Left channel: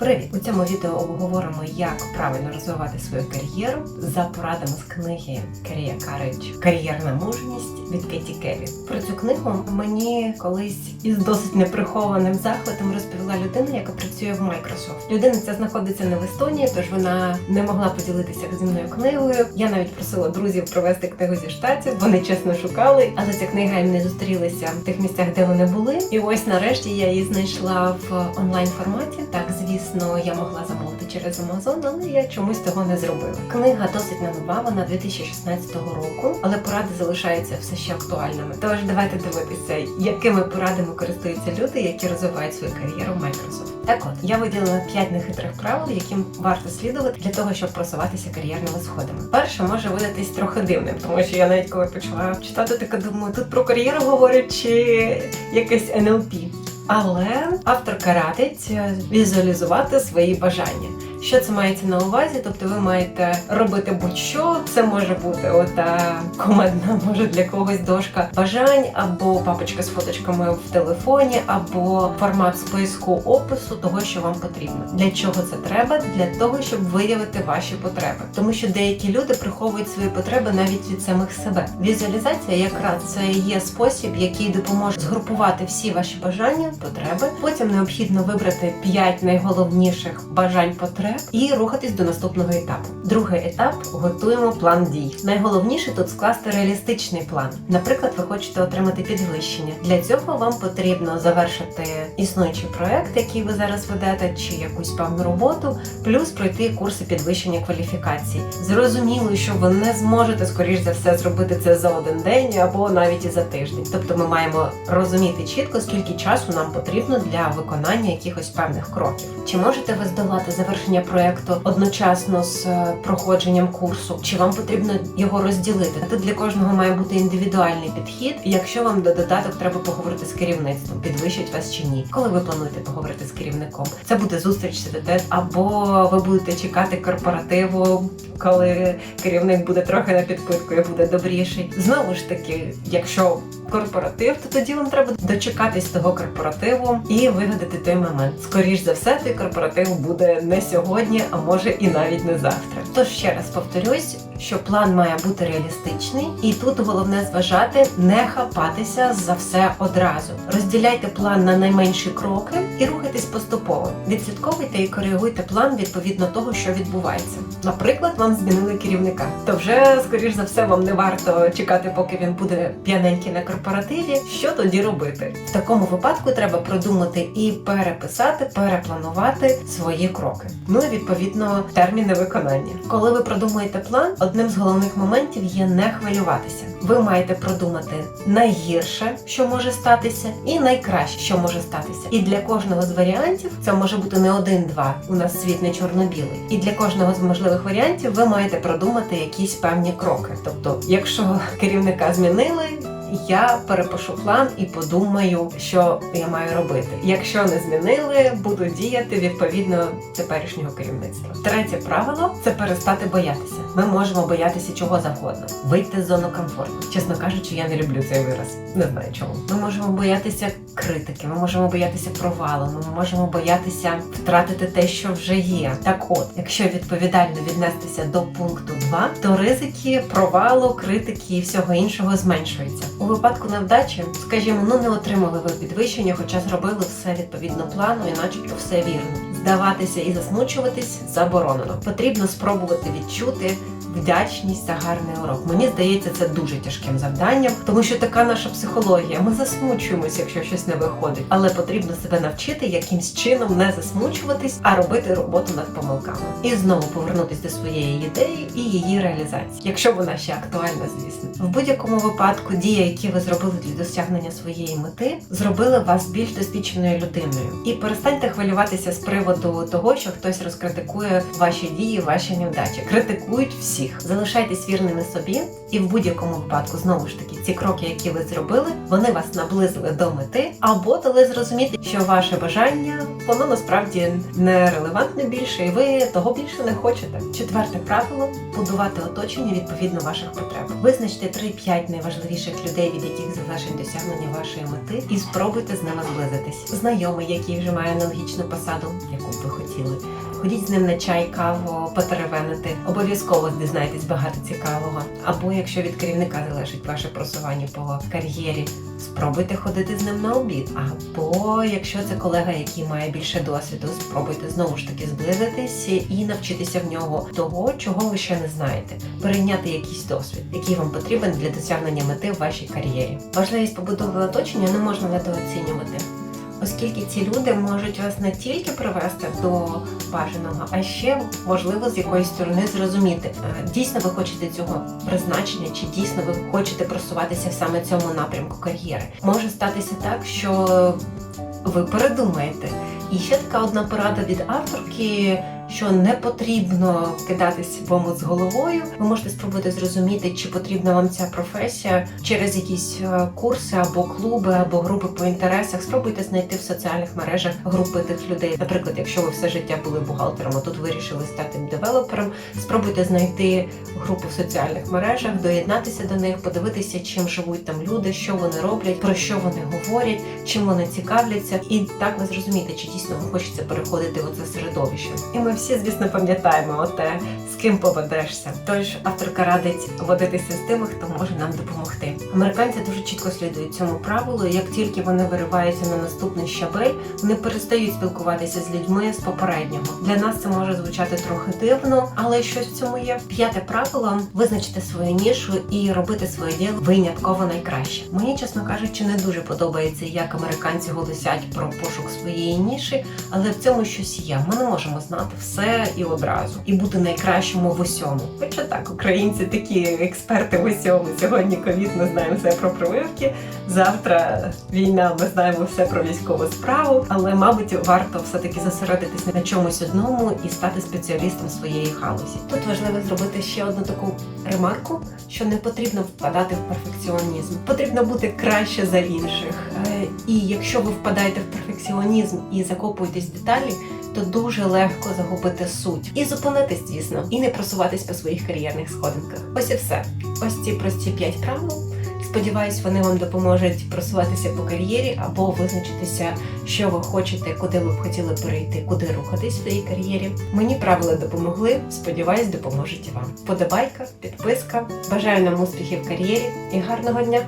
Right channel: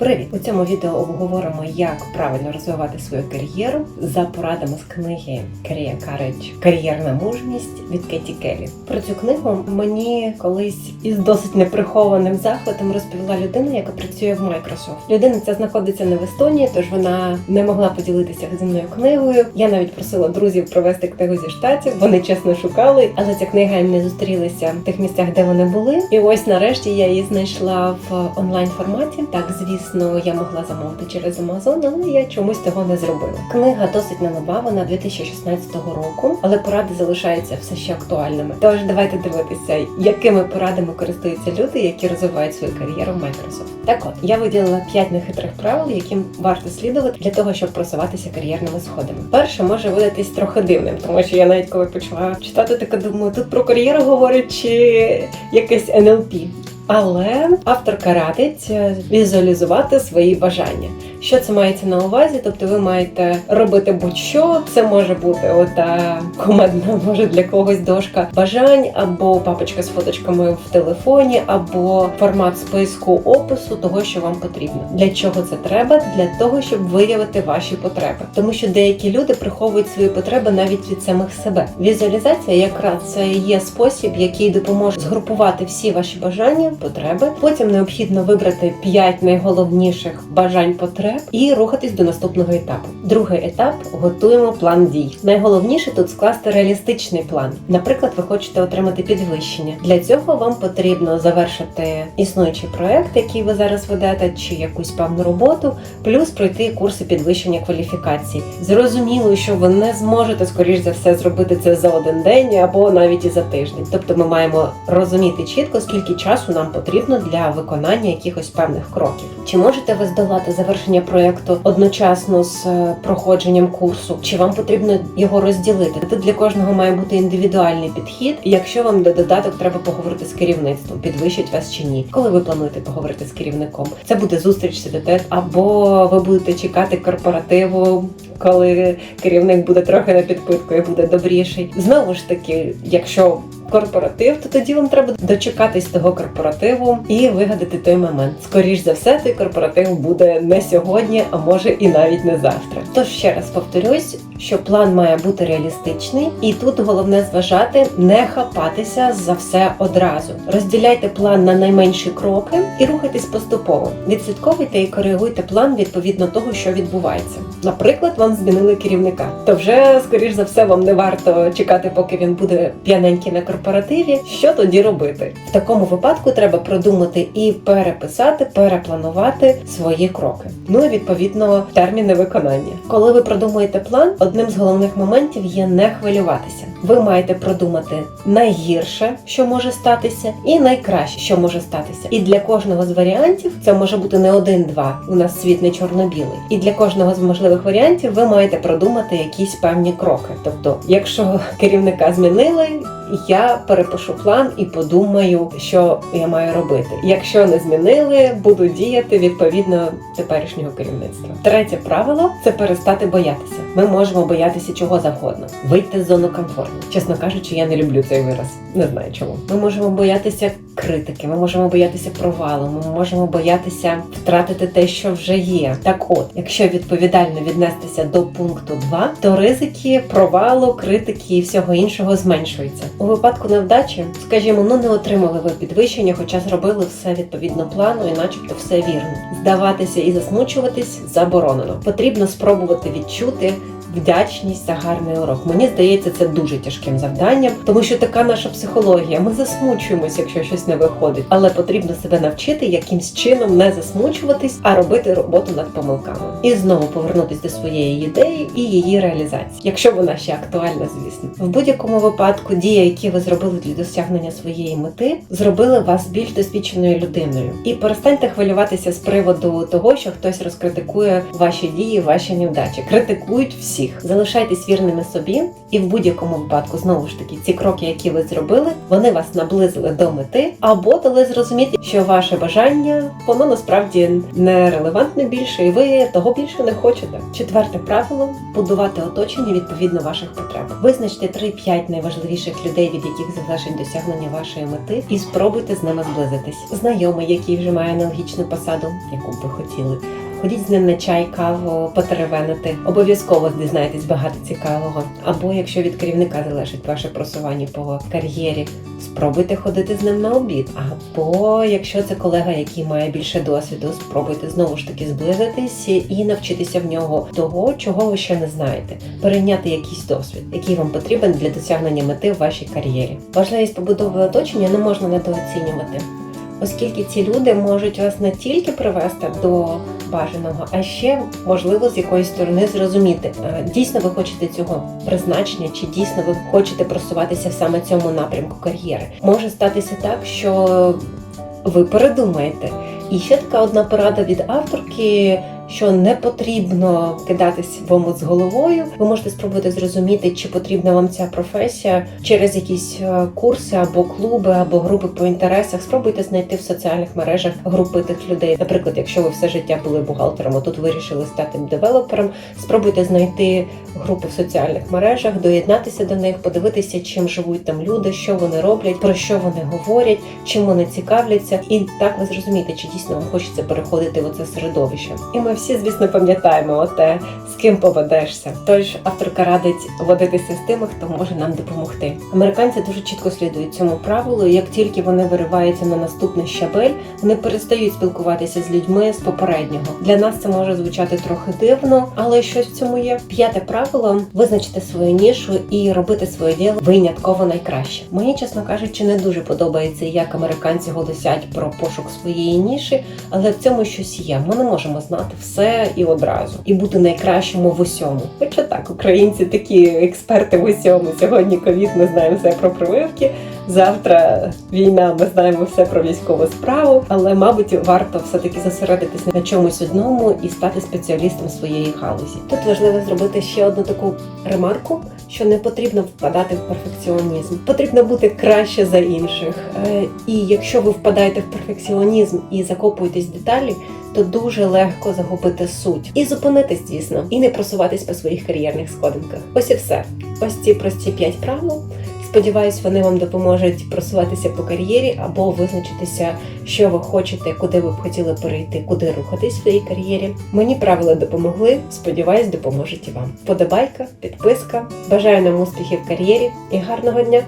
Привіт! У цьому відео обговоримо, як правильно розвивати свою кар'єру за порадами з книги Career Courage Кар'єрна мужність від Кеті Келлі. Про цю книгу мені колись із досить неприхованим захватом розповіла людина, яка працює в Microsoft. Людина ця знаходиться не в Естонії, тож вона не могла поділитися зі мною книгою. Я навіть просила друзів провести книгу зі штатів. Вони чесно шукали, але ця книга їм не зустрілася в тих місцях, де вони були. І ось нарешті я її знайшла в онлайн форматі. Так, звісно, я могла замовити через Amazon, але я чомусь того не зробила. Книга досить не нова, вона 2016 року, але поради залишаються все ще актуальними. Тож давайте дивитися, якими порадами користуються люди, які розвивають свою кар'єру в Microsoft. Так от я виділила 5 нехитрих правил, яким варто слідувати для того, щоб просуватися кар'єрними сходами. Перше може видатись трохи дивним, тому що я навіть коли почала читати, така думаю, тут про кар'єру говорить чи якесь НЛП. Але авторка радить е, візуалізувати свої бажання. Що це мається на увазі? Тобто ви маєте робити будь-що. Це може бути ота командна, може для когось дошка бажань, або папочка з фоточками в телефоні, або формат списку опису того, що вам потрібно. Для чого це треба? Для того, щоб виявити ваші потреби. Тому що деякі люди приховують свої потреби навіть від самих себе. Візуалізація якраз це є спосіб, який допоможе згрупувати всі ваші бажання, потреби. Потім необхідно вибрати 5 найголовніших бажань потреб і рухатись до наступного етапу. Другий етап готуємо план дій. Найголовніше тут скласти реалістичний план. Наприклад, ви хочете отримати підвищення. Для цього вам потрібно завершити існуючий проект, який ви зараз ведете, чи якусь певну роботу, плюс пройти курси підвищення кваліфікації. Зрозуміло, що ви не зможете скоріш за все зробити це за один день або навіть і за тиждень. Тобто, ми маємо розуміти чітко, скільки часу нам потрібно для виконання якихось певних кроків. Чи можете ви здолати завершення проєкту одночасно з е, проходженням курсу? Чи вам потрібно його розділити? Тут для кожного має бути індивідуальний підхід. Якщо вам до додаток треба поговорити з керівництвом, підвищить вас чи ні, коли ви плануєте поговорити з керівником, це буде зустріч тет або ви будете чекати корпоративу, коли керівник буде трохи на підпитку і буде добріший. Знову ж таки, якщо корпоратив, то тоді вам треба дочекатись того корпоративу і вигадати той момент. Скоріш за все, той корпоратив буде не сьогодні, а може і навіть не завтра. Тож ще раз повторюсь, що план має бути реалістичний, і тут головне зважати, не хапатися за все одразу. Розділяйте план на найменші кроки і рухайтесь поступово. Відслідковуйте і коригуйте план відповідно того, що відбувається. Наприклад, вам змінили керівника, то вже скоріш за все вам не варто чекати, поки він буде п'яненький на корпоративі. Що тоді робити? В такому випадку треба продумати і переписати, перепланувати свої кроки. Ну і відповідно терміни виконання. Коли ви продумуєте план, одним з головних моментів є не хвилюватися. Ви маєте продумати найгірше, що може статися, і найкраще, що може статися. І для кожного з варіантів це може бути не один-два. У нас світ не чорно-білий. І для кожного з можливих варіантів ви маєте продумати якісь певні кроки. Тобто, якщо керівника змінили, я перепишу план і подумаю, що я маю робити. Якщо не змінили, буду діяти відповідно теперішнього керівництва. Третє правило це перестати боятися. Ми можемо боятися чого завгодно, вийти з зону комфорту. Чесно кажучи, я не люблю цей вираз. Не знаю чому. Ми можемо боятися критики, ми можемо боятися провалу, ми можемо боятися втратити те, що вже є. Так от, якщо відповідально віднестися до пункту 2, то ризики провалу, критики і всього іншого зменшуються. У випадку невдачі, скажімо, ну не отримали ви підвищення, хоча зробили все відповідно плану і начебто все вірно. Здаватися і засмучуватись заборонено. Потрібно спробувати відчути вдячність за гарний урок. Мені здається, це дуже тяжким завданням, тому що така наша психологія. Ми засмучуємося, якщо щось не виходить, але потрібно себе навчити якимсь чином не засмучуватись, а робити роботу над помилками і знову повернутися до своєї ідеї і її реалізації, якщо вона ще актуальна, звісно. В будь-якому випадку дії, які ви зробили для досягнення своєї мети, зробили вас більш досвідченою людиною. І перестаньте хвилюватися з приводу того, що хтось розкритикує ваші дії, ваші невдачі. Критикують всі всіх. Залишайтесь вірними собі, і в будь-якому випадку, знову ж таки, ці кроки, які ви зробили, вони вас наблизили до мети, або дали зрозуміти, що ваше бажання воно насправді не релевантне більше, і ви того більше не хочете. Четверте правило будувати оточення відповідно ваших потреб. Визначте 3-5 найважливіших людей, від яких залежить досягнення вашої мети, і спробуйте з ними зблизитись. Знайомий, який вже має аналогічну посаду, яку б ви хотіли. Ходіть з ним на чай, каву, потеревенити. Обов'язково дізнаєтесь багато цікавого. Або якщо від керівника залежить ваше просування по кар'єрі, спробуйте ходити з ним на обід. Або якщо це колега, який має більше досвіду, спробуйте знову ж таки зблизитись і навчитися в нього того, чого ви ще не знаєте. Перейняти якийсь досвід, який вам потрібен для досягнення мети в вашій кар'єрі. Важливість побудови оточення не можна недооцінювати. Оскільки ці люди можуть вас не тільки привести до бажаного, а ще можливо з якоїсь сторони зрозуміти, е, дійсно ви хочете цього призначення, чи дійсно ви хочете просуватися саме цьому напрямку кар'єри. Може статися так, що ви передумаєте. І ще така одна порада від авторки. Що не потрібно кидатись в омут з головою. Ви можете спробувати зрозуміти, чи потрібна вам ця професія через якісь е, курси або клуби, або групи по інтересах. Спробуйте знайти в соціальних мережах групи тих людей. Наприклад, якщо ви все життя були бухгалтером, а тут вирішили стати девелопером, спробуйте знайти групу в соціальних мережах, доєднатися до них, подивитися, чим живуть там люди, що вони роблять, про що вони говорять, чим вони цікавляться, і так ви зрозумієте, чи дійсно вам хочеться переходити в оце середовище. І ми всі, звісно, пам'ятаємо оте, з ким поведешся. Тож авторка радить водитися з тими, хто може нам допомогти. Американці дуже чітко слідують цьому правилу. Як тільки вони вириваються на наступний щабель, вони перестають спілкуватися з людьми з попереднього. Для нас це може звучати трохи дивно, але щось в цьому є. П'яте правило визначити свою нішу і робити своє діло винятково найкраще. Мені, чесно кажучи, не дуже подобається, як американці голосять про пошук своєї ніші, але в цьому щось є. Ми не можемо знати все і одразу, і бути найкращому в усьому. Хоча так, українці такі експерти в усьому. Сьогодні ковід, ми знаємо все про прививки. Завтра війна, ми знаємо все про військову справу, але мабуть варто все таки зосередитись на чомусь одному і стати спеціалістом своєї галузі. Тут важливо зробити ще одну таку ремарку, що не потрібно впадати в перфекціонізм, потрібно бути краще за інших. Е, І якщо ви впадаєте в перфекціонізм і закопуєтесь в деталі, то дуже легко загубити суть і зупинитись, звісно, і не просуватись по своїх кар'єрних сходинках. Ось і все. Ось ці прості п'ять правил. Сподіваюсь, вони вам допоможуть просуватися по кар'єрі або визначитися, що ви хочете, куди ви б хотіли перейти, куди рухатись в своїй кар'єрі. Мені правила допомогли. Сподіваюсь, допоможуть і вам. Подобайка, підписка. Бажаю нам успіхів в кар'єрі і гарного дня!